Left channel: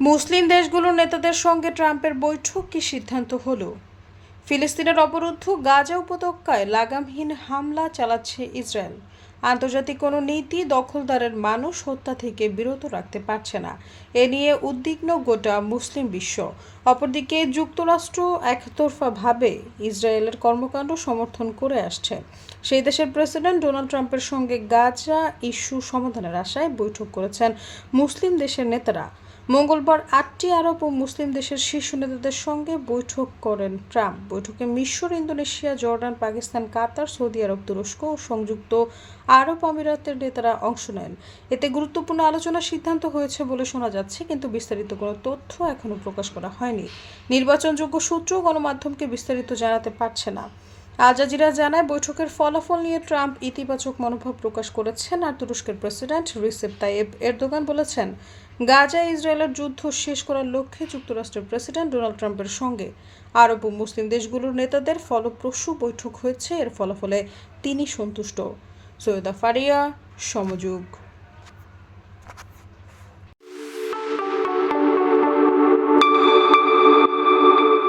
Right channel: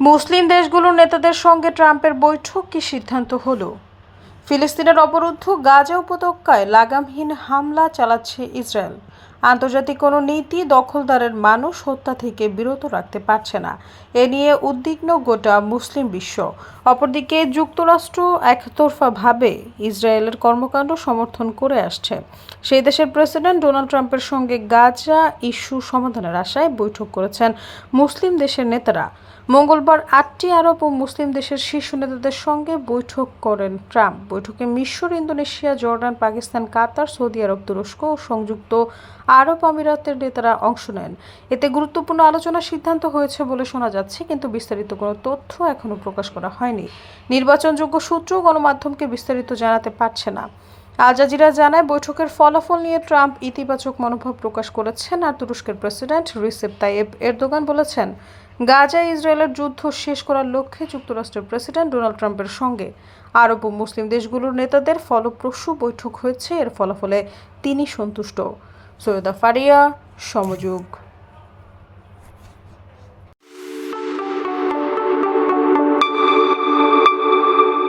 মুসলিম দেশগুলোর নেতাদের সঙ্গে ট্রাম্পের বৈঠক কি সিদ্ধান্ত হলো? ফিলিস্তিনের অবরুদ্ধ গাজা উপত্যকায় লাগামহীন হামলা চালাচ্ছে ইসরায়েল। আন্তর্জাতিক কোনো নীতি দখলদারের মানুষ হত্যা থেকে বিরত রাখতে পারছে না। এ নিয়ে উদ্বিগ্ন গোটা মুসলিম বিশ্ব। অপরদিকে যুক্তরাষ্ট্র একতরফাভাবে ইসরায়েলের কর্মকাণ্ড সমর্থন করে আসছে। সেই দেশের প্রেসিডেন্ট ডোনাল্ড ট্রাম্পের সঙ্গে গাজা ইস্যু সমাধানের আশায় বৈঠক করেছেন মুসলিম দেশের নেতারা। মঙ্গলবার আটটি আরব ও মুসলিম দেশের শীর্ষ নেতাদের সঙ্গে বৈঠক করেন ট্রাম্প। বৈঠকে মিশর, Indonesia, Jordan, Pakistan, Qatar, Saudi আরব, তুরস্ক ও সংযুক্ত আরব আমিরাতের নেতারা অংশ নেন। এতে গুরুত্বপূর্ণ আলোচনার সিদ্ধান্ত হয়েছে বলে শোনা যাচ্ছে, কিন্তু বিস্তারিত কোনো তথ্য এখনও প্রকাশ করা হয়নি। নির্বাচনযোগ্য সূত্র গণমাধ্যমকে বিস্তারিত জানাতে পারছে না। আল জাজিরা জানায়, বৈঠকের ফলাফল নিয়ে ট্রাম্প ইতিবাচক মনোভাব প্রকাশ করেছেন আর তুরস্কের প্রেসিডেন্ট রিসেপ তাইয়েব এরদোগান বলেছেন গাজা ইসরায়েলের যুদ্ধ শেষ করার লক্ষ্যে যুক্তরাষ্ট্রের প্রেসিডেন্ট ডোনাল্ড ট্রাম্পের সঙ্গে। আরব ও মুসলিম দেশগুলোর নেতাদের ফলপ্রসূ বৈঠক হয়েছে। এর ফলাফলে তিনি সন্তুষ্ট। সৈয়দা ফারিয়া, সমযোগ।